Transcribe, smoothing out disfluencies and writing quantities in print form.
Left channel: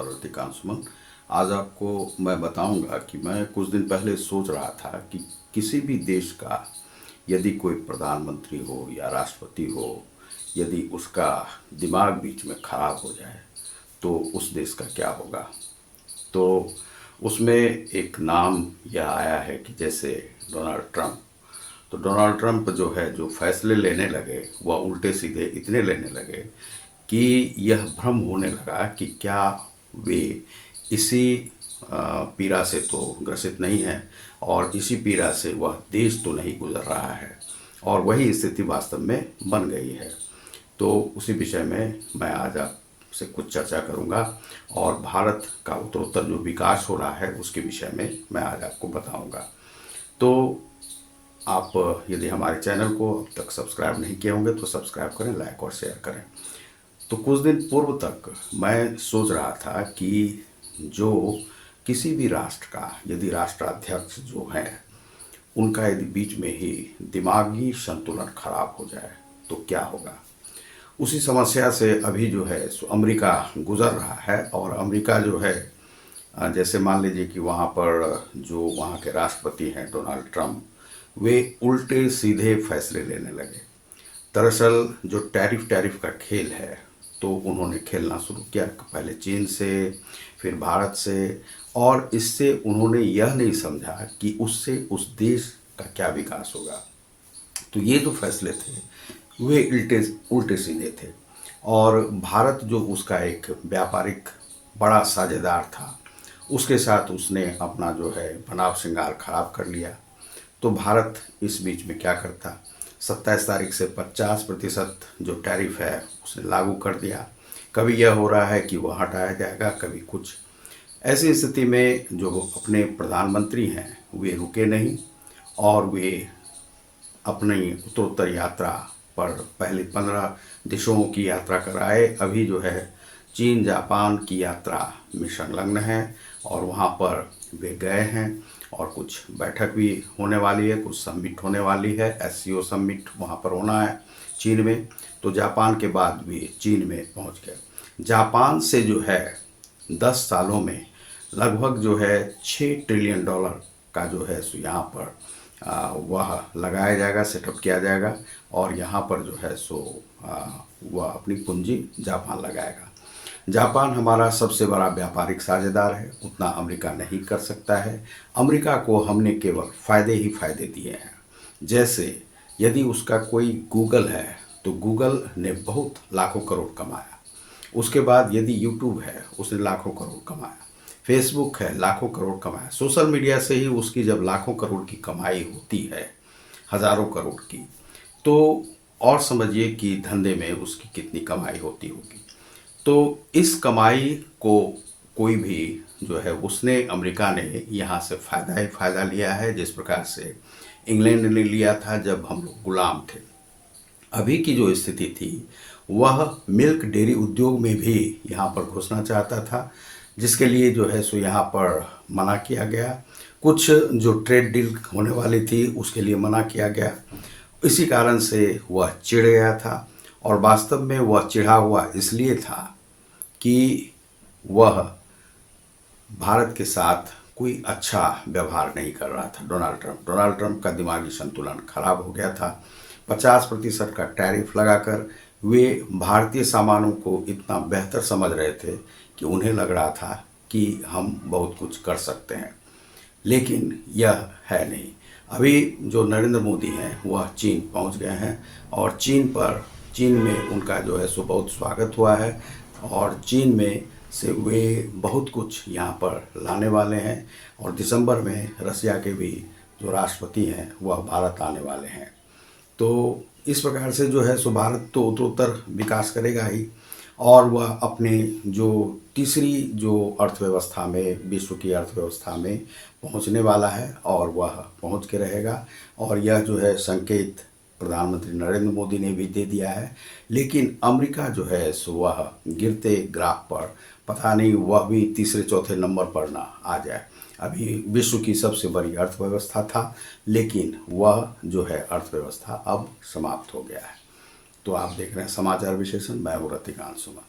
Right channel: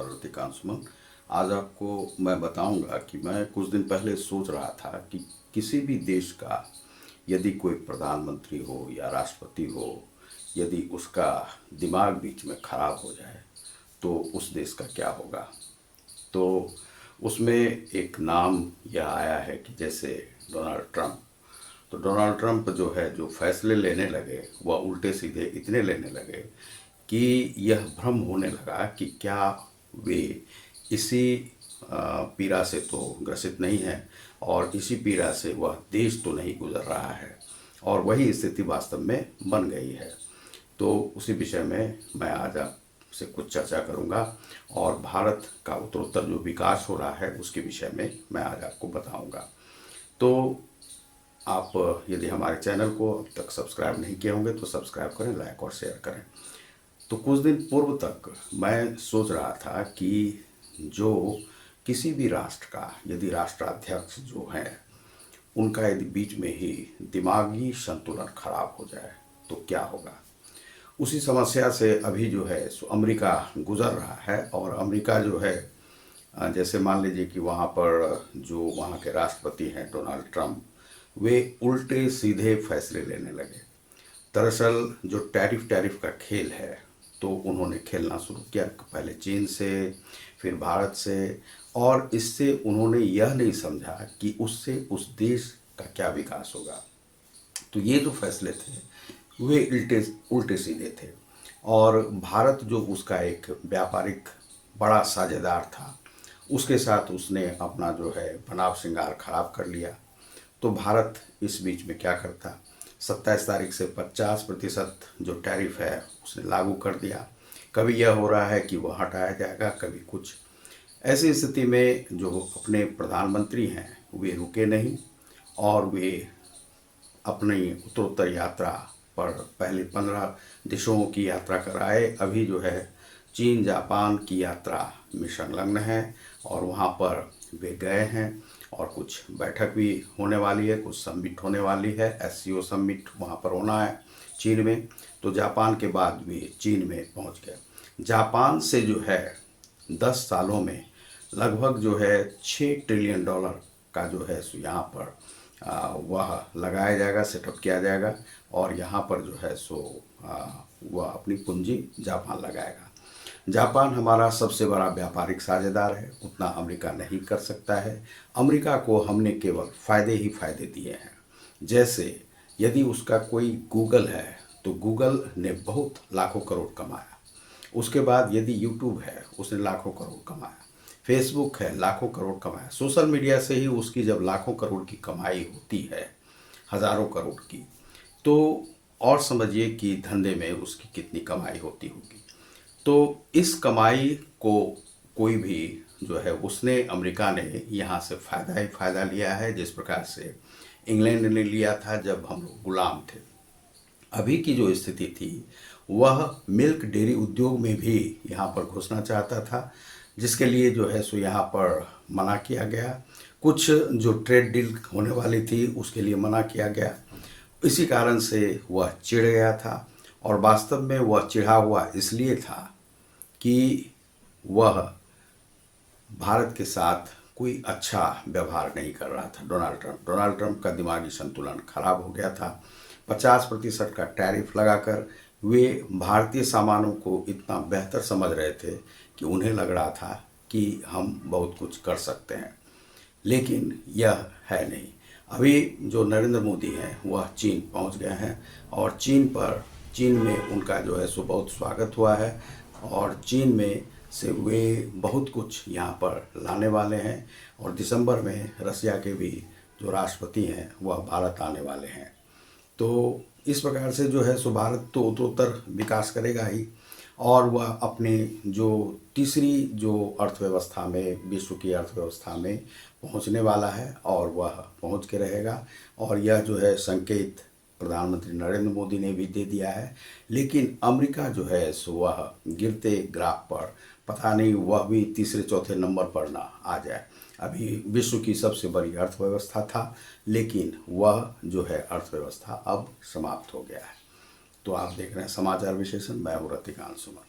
नमस्कार रतिकांत सुमन। आज आपको मैं बताऊंगा कि मैं कुछ दिन पहले सोच रहा था कि किसी भी देश का यदि कोई प्रधानमंत्री हो या राष्ट्रपति हो, यदि उसका दिमाग बीच में खराब हो जाए तो उस देश का क्या होगा। तो उसमें एक नाम यह आया है कि जैसे डोनाल्ड ट्रंप। तो डोनाल्ड ट्रंप जो है, जो फैसले लेने लगे वह उल्टे सीधे इतने लेने लगे कि यह भ्रम होने लगा कि क्या वे इसी पीड़ा से तो ग्रसित नहीं है और इसी पीड़ा से वह देश तो नहीं गुजर रहा है, और वही स्थिति वास्तव में बन गई है। तो उसी विषय में मैं आज आपसे कुछ चर्चा करूंगा और भारत का उत्तरोत्तर जो विकास हो रहा है उसके विषय में मैं आज आपको बताऊंगा। तो आप यदि हमारे चैनल को अब तक सब्सक्राइब नहीं किए होंगे तो सब्सक्राइब करें, लाइक और शेयर करें। तो कुछ दिन पूर्व तक मैं सोच रहा था कि जो किसी भी राष्ट्र का यदि राष्ट्राध्यक्ष जो है उनका यदि बीच में ही दिमागी संतुलन खराब हो जाए तो क्या होगा। उसी समस्या से अभी जो है सो अमेरिका गुजर रहा है। और अमेरिका जो है, जैसे मान लीजिए कि वहाँ पर जो वहाँ के राष्ट्रपति हैं डोनाल्ड ट्रंप, वे उल्टे सीधे फैसले लेने लगे। दरअसल जो टैरिफ का खेल है तो उन्होंने खेलना शुरू किया, पहले चीन से, फिर भारत से, और इससे उन्होंने यह नहीं समझा कि उससे उस देश का क्या विकास होगा। तो ये जो फैसले थे वे उल्टे उल्टे सीधे थे। और भारत जो उसका एक व्यापारिक बड़ा साझेदार था, उसके साथ उसने अपना जो है बनाव श्रृंगार खराब कर लिया। तो भारत इस बीच में क्या करता, 27 तारीख से 50% जो टैरिफ है उसने लागू कर दिया। कभी यह हो रहा है कि वह हटाया जाएगा, कभी कुछ। ऐसी स्थिति में जो अपने प्रधानमंत्री हैं वे रुके नहीं और वे अपनी उत्तरोत्तर यात्रा पर पहले 15 देशों की यात्रा कराए। अभी जो है चीन जापान की यात्रा में संलग्न है और वहाँ पर वे गए हैं और कुछ बैठक भी होने वाली है, कुछ समिट होने वाली है। एससीओ समिट वहाँ पर होना है चीन में। तो जापान के बाद भी चीन में पहुँच गए। जापान से जो है 10 सालों में लगभग जो है $6 ट्रिलियन का जो है सो यहाँ पर वह लगाया जाएगा, सेटअप किया जाएगा। और यहाँ पर जो है सो वह अपनी पूंजी जापान लगाएगा। जापान हमारा सबसे बड़ा व्यापारिक साझेदार है, उतना अमेरिका नहीं कर सकता है। अमेरिका को हमने केवल फायदे ही फायदे दिए हैं। जैसे यदि उसका कोई गूगल है तो गूगल ने बहुत लाखों करोड़ कमाया। उसके बाद यदि यूट्यूब है उसने लाखों करोड़ कमाया, फेसबुक है लाखों करोड़ कमाया। सोशल मीडिया से ही उसकी जब लाखों करोड़ की कमाई होती है, हजारों करोड़ की, तो और समझिए कि धंधे में उसकी कितनी कमाई होती होगी। तो इस कमाई को कोई भी जो है उसने, अमेरिका ने यहाँ से फ़ायदा ही फ़ायदा लिया है, जिस प्रकार से इंग्लैंड ने लिया था जब हम लोग गुलाम थे। अभी की जो स्थिति थी वह मिल्क डेयरी उद्योग में भी यहाँ पर घुसना चाहता था, जिसके लिए जो है सो यहाँ पर मना किया गया। कुछ जो ट्रेड डील होने वाली थी उसके लिए मना किया गया। इसी कारण से वह चिढ़ गया था। और वास्तव में वह चिढ़ा हुआ इसलिए था कि वह भारत के साथ कोई अच्छा व्यवहार नहीं कर रहा था। डोनाल्ड ट्रंप का दिमागी संतुलन खराब हो गया था। 50% का टैरिफ लगाकर वे भारतीय सामानों को इतना बेहतर समझ रहे थे कि उन्हें लग रहा था कि हम बहुत कुछ कर सकते हैं, लेकिन यह है नहीं। अभी जो नरेंद्र मोदी हैं वह चीन पहुंच गए हैं और चीन में उनका जो है सो बहुत स्वागत हुआ है। और चीन में से वे बहुत कुछ यहाँ पर लाने वाले हैं। और दिसंबर में रसिया के भी जो राष्ट्रपति हैं वह भारत आने वाले हैं। तो इस प्रकार से जो है सो भारत तो उत्तरोत्तर विकास करेगा ही, और वह अपने जो तीसरी जो अर्थव्यवस्था में, विश्व की अर्थव्यवस्था में पहुंचने वाला है और वह पहुंच के रहेगा। और यह जो है संकेत प्रधानमंत्री नरेंद्र मोदी ने भी दे दिया है। लेकिन अमेरिका जो है सो वह गिरते ग्राफ पर, पता नहीं वह भी तीसरे चौथे नंबर पर ना आ जाए। अभी विश्व की सबसे बड़ी अर्थव्यवस्था था, लेकिन वह जो है अर्थव्यवस्था अब समाप्त हो गया है। तो आप देख रहे हैं समाचार विश्लेषण, मैं हूँ रतिकांत सुमन।